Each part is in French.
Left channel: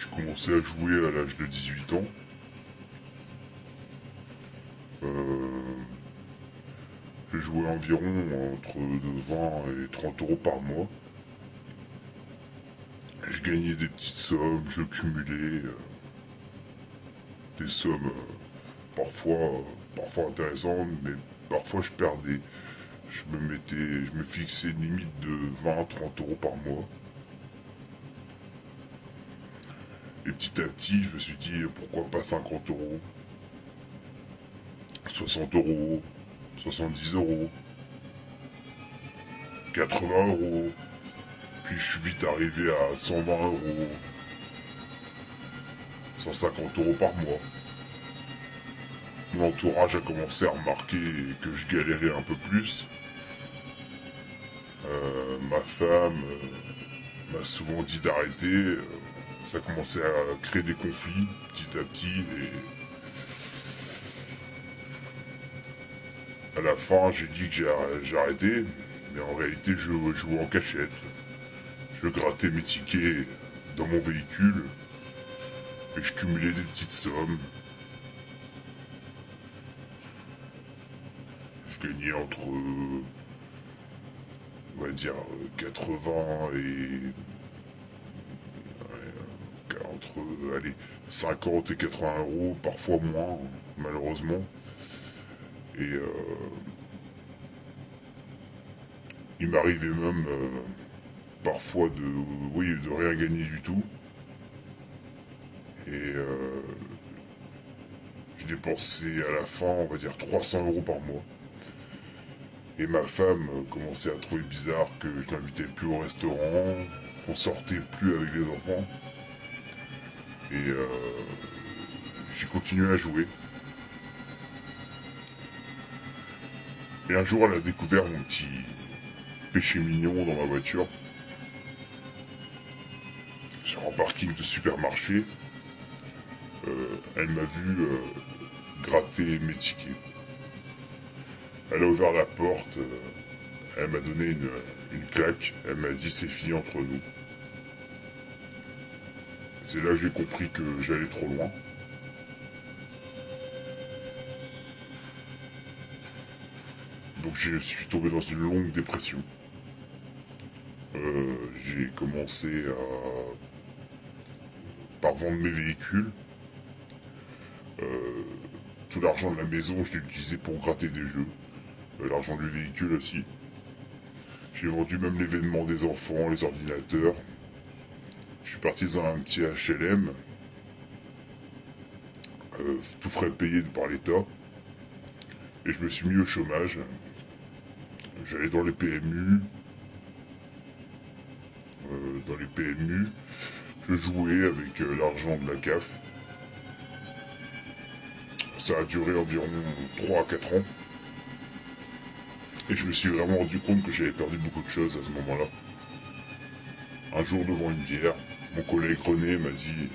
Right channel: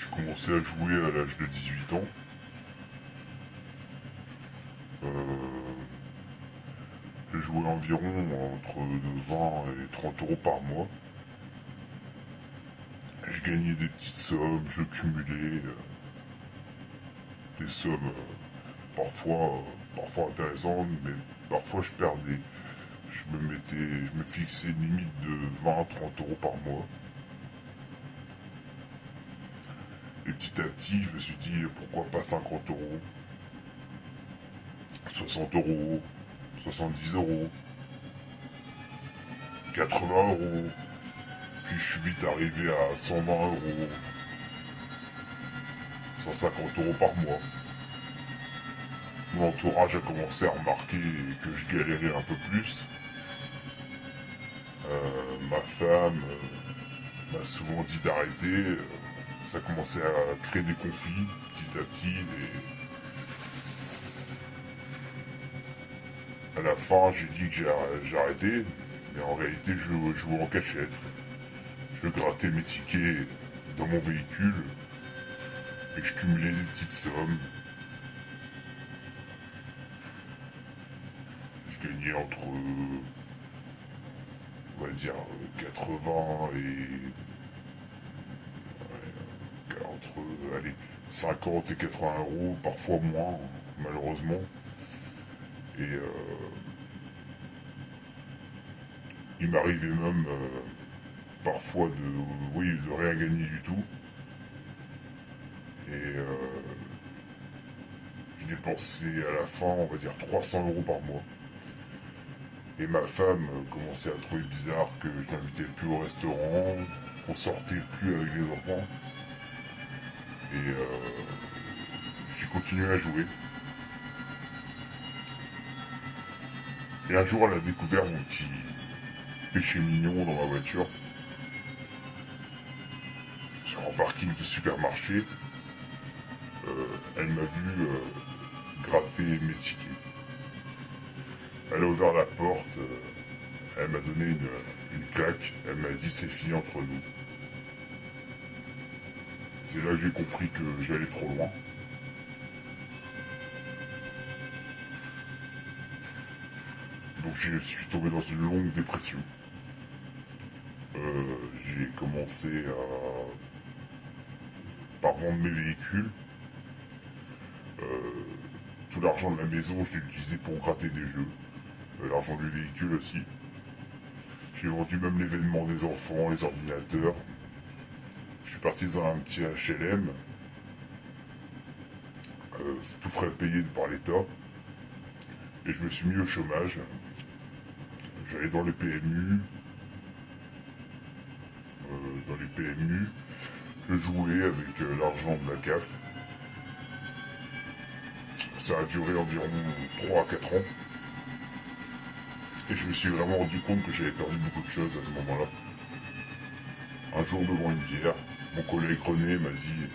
J'ai commencé à jouer à l'âge de 18 ans. Euh, j'ai joué environ entre 20 et 30 euros par mois. Je gagnais des petites sommes, je cumulais des sommes parfois intéressantes, mais parfois je perdais. Je me fixais une limite de 20 à 30 euros par mois. Et petit à petit, je me suis dit pourquoi pas 50 euros, 60 euros, 70 euros, 80 euros. Puis je suis vite arrivé à 120 euros, 150 euros par mois. Mon entourage a commencé à remarquer que je galérais un peu plus. Ma femme m'a souvent dit d'arrêter. Ça a commencé à créer des conflits petit à petit. Et à la fin, j'ai dit que j'ai arrêté. Mais en réalité, je jouais en cachette. Je grattais mes tickets dans mon véhicule. Et je cumulais des petites sommes. Je gagnais on va dire, 80 et allez, 50 et 80 euros, parfois moins, malheureusement. Et il m'arrivait même parfois de rien gagner du tout. Et je dépensais à la fin, on va dire, 300 euros par mois. Et ma femme commençait à trouver bizarre que je n'invitais plus au restaurant, qu'on sortait plus avec les enfants. Et j'ai continué à jouer. Et un jour, elle a découvert mon petit péché mignon dans ma voiture, sur un parking de supermarché. Elle m'a vu gratter mes tickets. Elle a ouvert la porte, elle m'a donné une claque, elle m'a dit c'est fini entre nous. C'est là que j'ai compris que j'allais trop loin. Donc je suis tombé dans une longue dépression. J'ai commencé par vendre mes véhicules. Euh, Tout l'argent de la maison, je l'ai utilisé pour gratter des jeux. L'argent du véhicule aussi. J'ai vendu même l'événement des enfants, les ordinateurs. Je suis parti dans un petit HLM, tout frais payé par l'État. Et je me suis mis au chômage. J'allais dans les PMU. Dans les PMU, je jouais avec l'argent de la CAF. Ça a duré environ 3 à 4 ans. Et je me suis vraiment rendu compte que j'avais perdu beaucoup de choses à ce moment-là. Un jour, devant une bière, mon collègue René m'a dit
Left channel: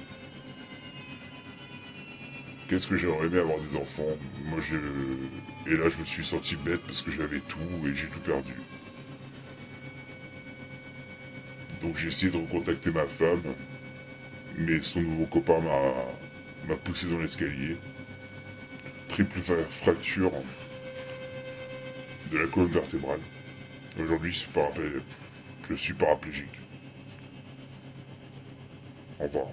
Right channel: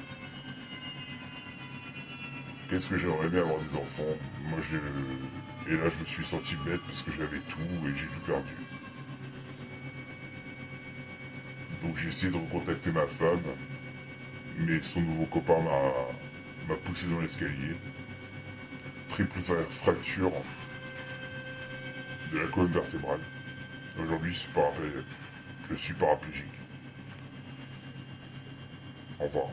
qu'est-ce que j'aimerais bien avoir des enfants. Et là, je me suis senti bête parce que j'avais tout et j'ai tout perdu. Donc j'ai essayé de recontacter ma femme, mais son nouveau copain m'a poussé dans l'escalier. Triple fracture de la colonne vertébrale. Aujourd'hui, je suis paraplégique. Au revoir.